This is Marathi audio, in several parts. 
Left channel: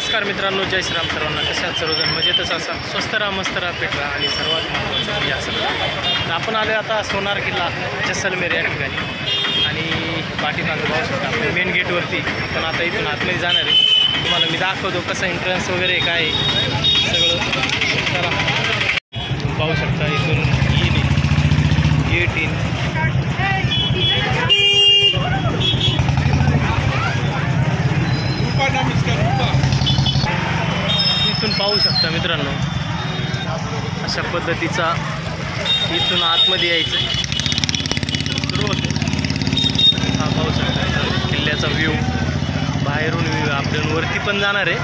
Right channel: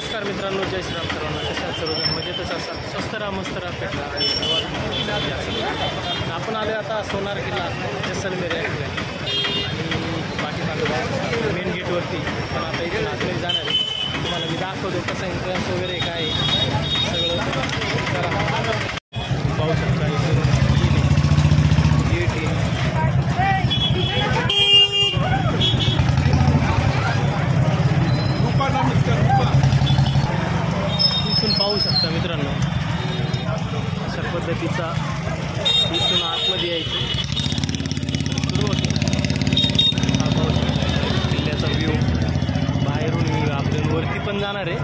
नमस्कार मित्रांनो, जय श्रीराम सर्वांना. कशा आहात सर्वजण? मजेतच असा, स्वस्त राहा, मस्त राहा, पेट राहा आणि सर्वात महत्त्वाचं या सगळं. आपण आलो आता सोनार किल्ला जैसलमेर या ठिकाणी आणि पाठीमागं पाहू शकता आपण मेन गेटवरती. आपण आता इथून आतमध्ये जाणार आहे. तुम्हाला मी दाखवतो कसं एंट्रन्स वगैरे काय आहे सगळं. चला पाहू शकता इथून गेट इन. इथून पाहू शकता मित्रांनो, अशा पद्धतीचा इथून आतमध्ये यायचं सुरू होतं. हा पाहू शकता किल्ल्याचा व्ह्यू, बाहेरून व्ह्यू. आपण वरती पण जाणार आहे,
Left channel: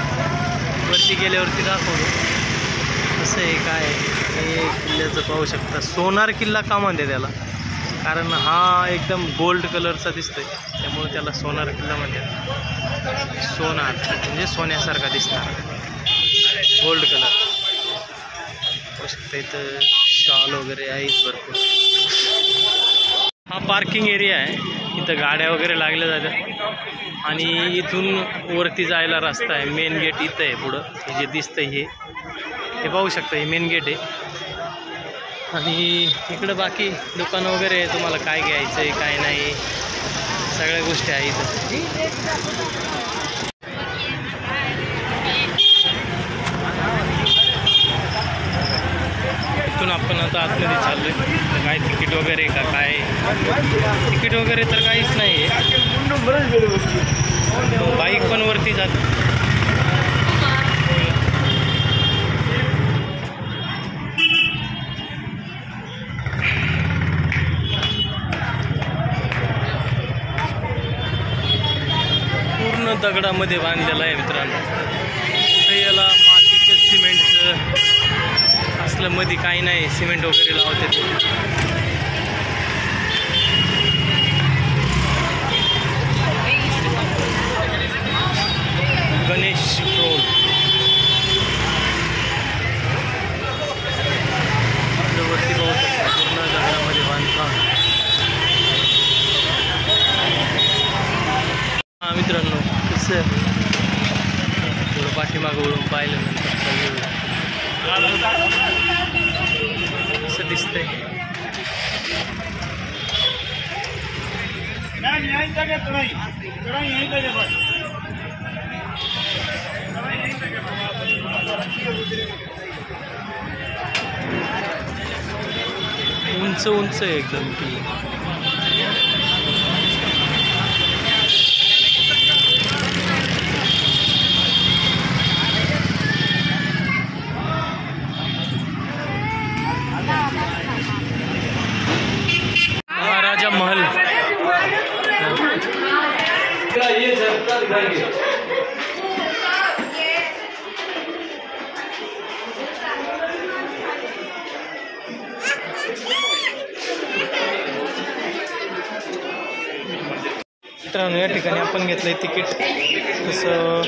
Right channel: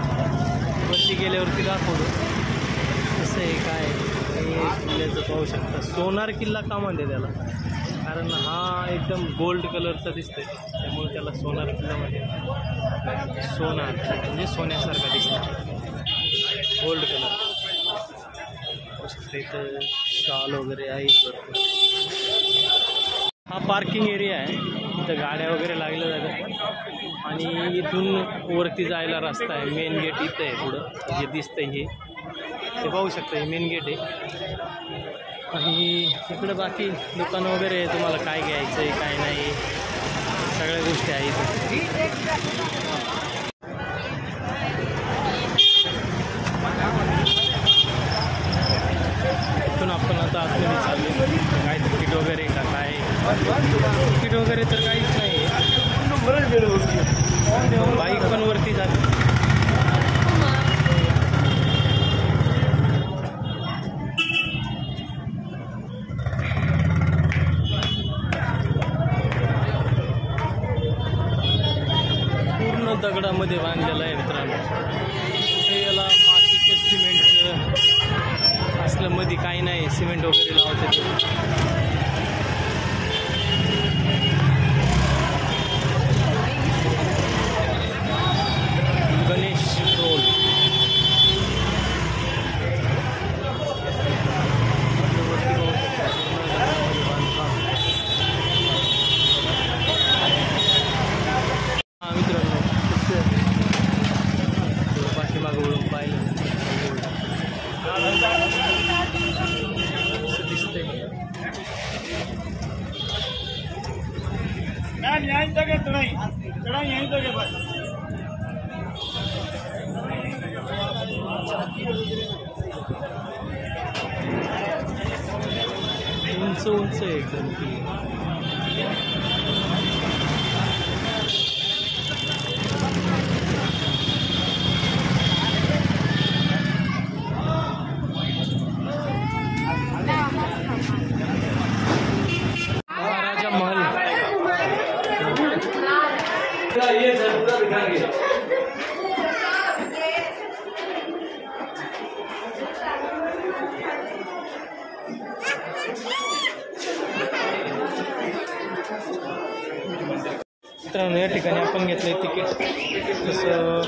वरती गेल्यावरती दाखवतो कसं आहे काय हे किल्ल्याचं. पाहू शकता सोनार किल्ला का म्हणते त्याला, कारण हा एकदम गोल्ड कलरचा दिसतोय त्यामुळे त्याला सोनार किल्ला म्हणतात. सोनार म्हणजे सोन्यासारखा दिसणार, गोल्ड कलर. पाहू शकता इथं शॉल वगैरे आहेत भरपूर. हा पार्किंग एरिया आहे, इथं गाड्या वगैरे लागल्या जातात आणि इथून वरती जायला रस्ता आहे. मेन गेट इथं आहे पुढं, हे जे दिसतंय हे पाहू शकता, हे मेन गेट आहे. आणि इकडं बाकी दुकानं वगैरे तुम्हाला काय घ्यायचं आहे काय नाही सगळ्या गोष्टी आहेत. इथून आपण आता आतमध्ये चाललो आहे. काय तिकीट वगैरे का काय? तिकीट वगैरे तर काहीच नाही आहे. बाईक पण वरती जाते. पूर्ण दगडामध्ये बांधलेलं आहे मित्रांनो. कुठे याला मातीचं सिमेंटचं असलं मध्ये काही नाही, सिमेंट वगैरे लावते ते. गणेश रोल वरती पाहू शकता, पूर्ण दगडामध्ये बांधकाम. हा मित्रांनो, कसं थोडं पाठीमागं वळून पाहिलं नंतर कसं दिसतंय. उंच उंच आहे एकदम किल्ला. महाराजा महल. मित्रांनो, या ठिकाणी आपण घेतलंय तिकीट. तसं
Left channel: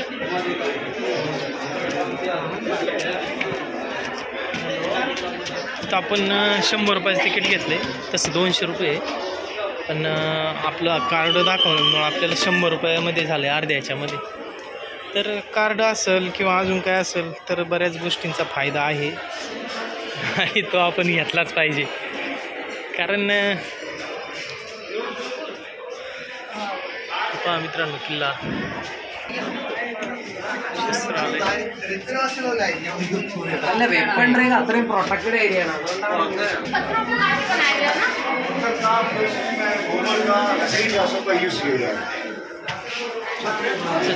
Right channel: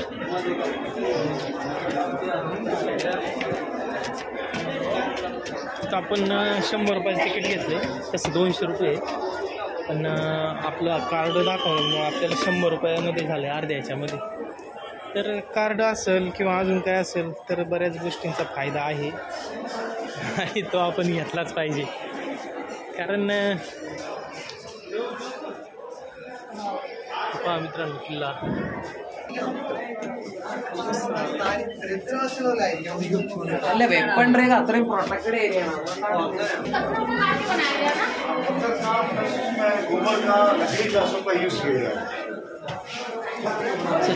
तर आपण 100 रुपयाचं तिकीट घेतलं आहे, तसं 200 रुपये. पण आपलं कार्ड दाखवल्यामुळं आपल्याला 100 रुपयामध्ये झालं आहे, अर्ध्या ह्याच्यामध्ये. तर कार्ड असेल किंवा अजून काय असेल तर बऱ्याच गोष्टींचा फायदा आहे आणि तो आपण घेतलाच पाहिजे. कारण पहा मित्रांनो, किल्ला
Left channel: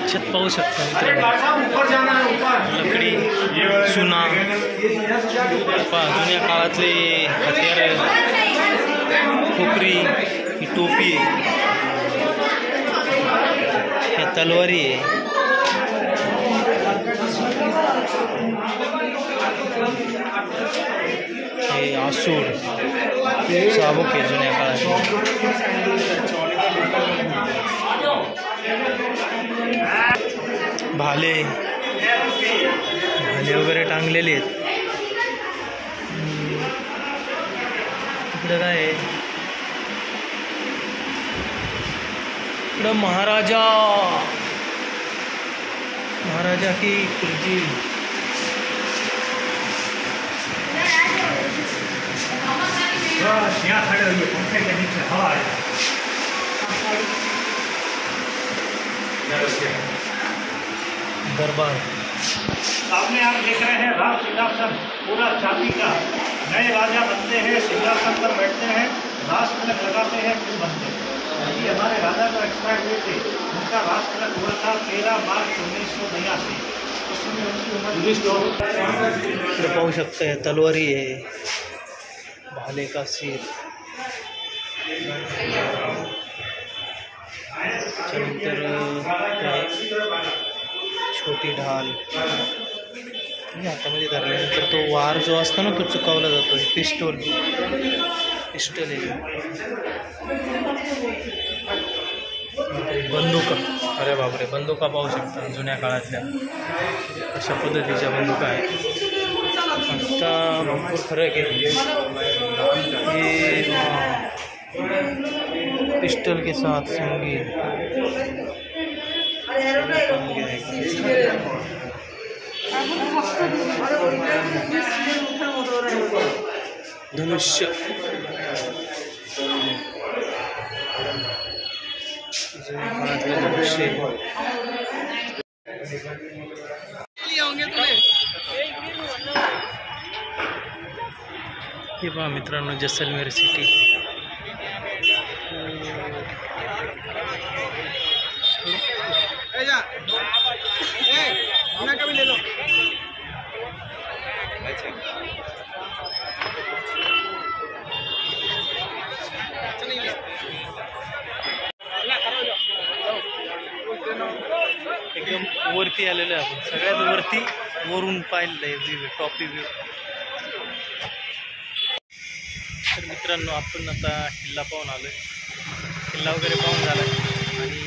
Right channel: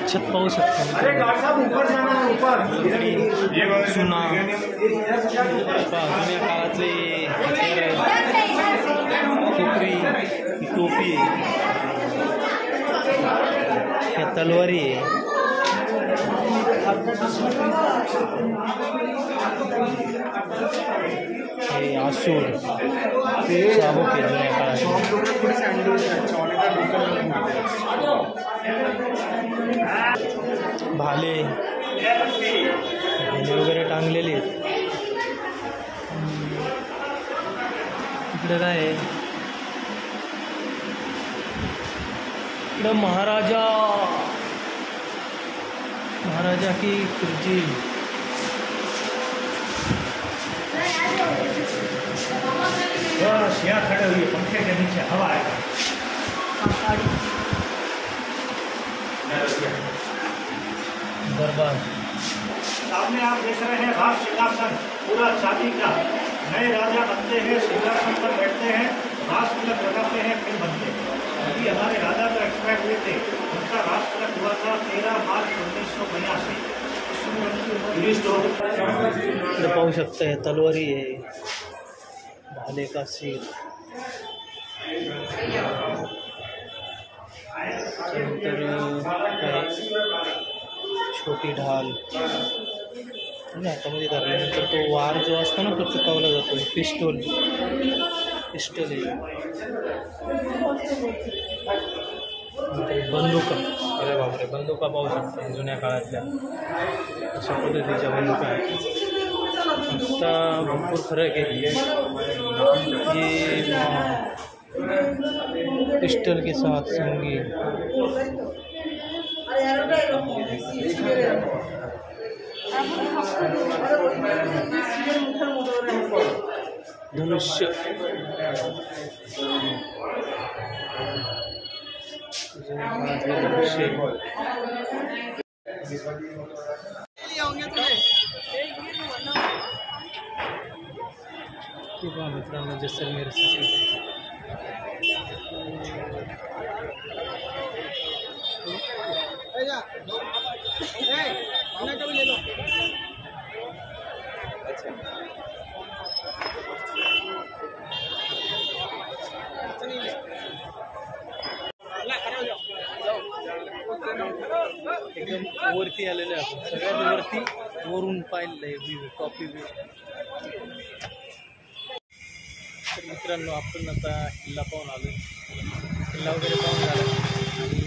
छत पाहू शकता लकडी, चुना. जुन्या काळातले हत्यार, खोपरी, ही टोपी आहे, ह्या तलवारी आहे. हे आसूड, चाबूक आहे जुन्या काळात. भाले वगैरे टांगलेले आहेत. इकडं काय आहे, इकडं महाराजा महाराजा की कुर्सी। यहाँ खड़े हुए पंखे के नीचे हवा है। दरबार सामने आप देख रहे हैं राज सिंहासन पूरा चांदी का। नए राजा बनते हैं, सिंहासन पर बैठते हैं, राज तिलक लगाते हैं, फिर बनते हैं। अभी हमारे राजा जो एक्सपायर हुए थे उनका राज तिलक हुआ था 13 मार्च 1982। उसमें उनकी उम्र इकडे पाहू शकता तलवारी आहे, भाले का सिर, त्याच्यानंतर छोटी ढाल हातामध्ये धरल्यानंतर तो वार जो असतो ना तो चुकावला जातो. पिस्टल आहे. बंदुका, अरे बापरे, बंदुका पाहू शकता जुन्या काळातल्या अशा पद्धतीच्या बंदुका आहेत. आता भरपूर फरक आहे. ये पिस्टल के साथ संगीत, धनुष्य, धनुष्य. हे पहा मित्रांनो, जैसलमेर सिटी. एकदम वरती आलेलो आहे आपण, सगळ्यात वरती वरून पाहिलेलं आहे व्ह्यू, टॉपी व्ह्यू. तर मित्रांनो, आपण आता किल्ला पाहून आलो आहे. किल्ला वगैरे पाहून झाला आणि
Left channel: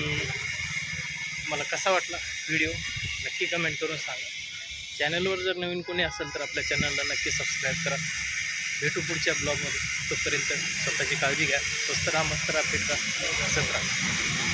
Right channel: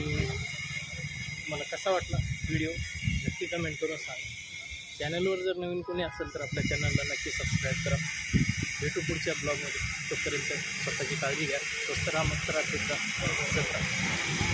मला कसा वाटला व्हिडिओ नक्की कमेंट करून सांगा. चॅनलवर जर नवीन कोणी असेल तर आपल्या चॅनलला नक्की सबस्क्राईब करा. भेटू पुढच्या ब्लॉगमध्ये. तोपर्यंत स्वतःची काळजी घ्या. स्वस्त राहा, मस्त राहा, फिट राहा, हसत राहा.